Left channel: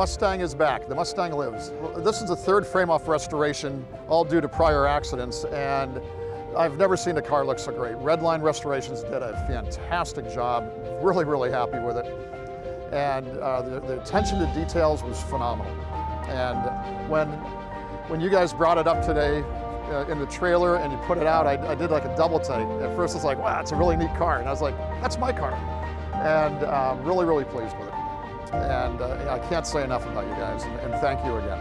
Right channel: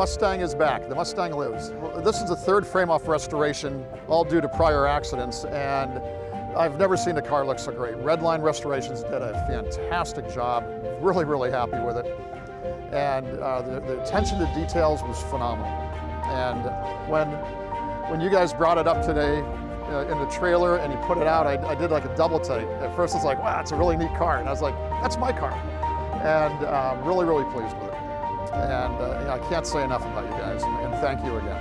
Mustang is back. The Mustang lives. This is the third frame-off restoration, all due to prior accidents, and I've never seen a car look so great. Redline Restorations did a fantastic job. Really, really happy with it. And the attention to details was phenomenal. And when you guys brought it up today in the trailer and you put it out, I did like a double take. At first it's like, wow, it's a really neat car. And I was like, that's my car. And really, really pleased with it. And I can't say enough about you guys, and thank you again.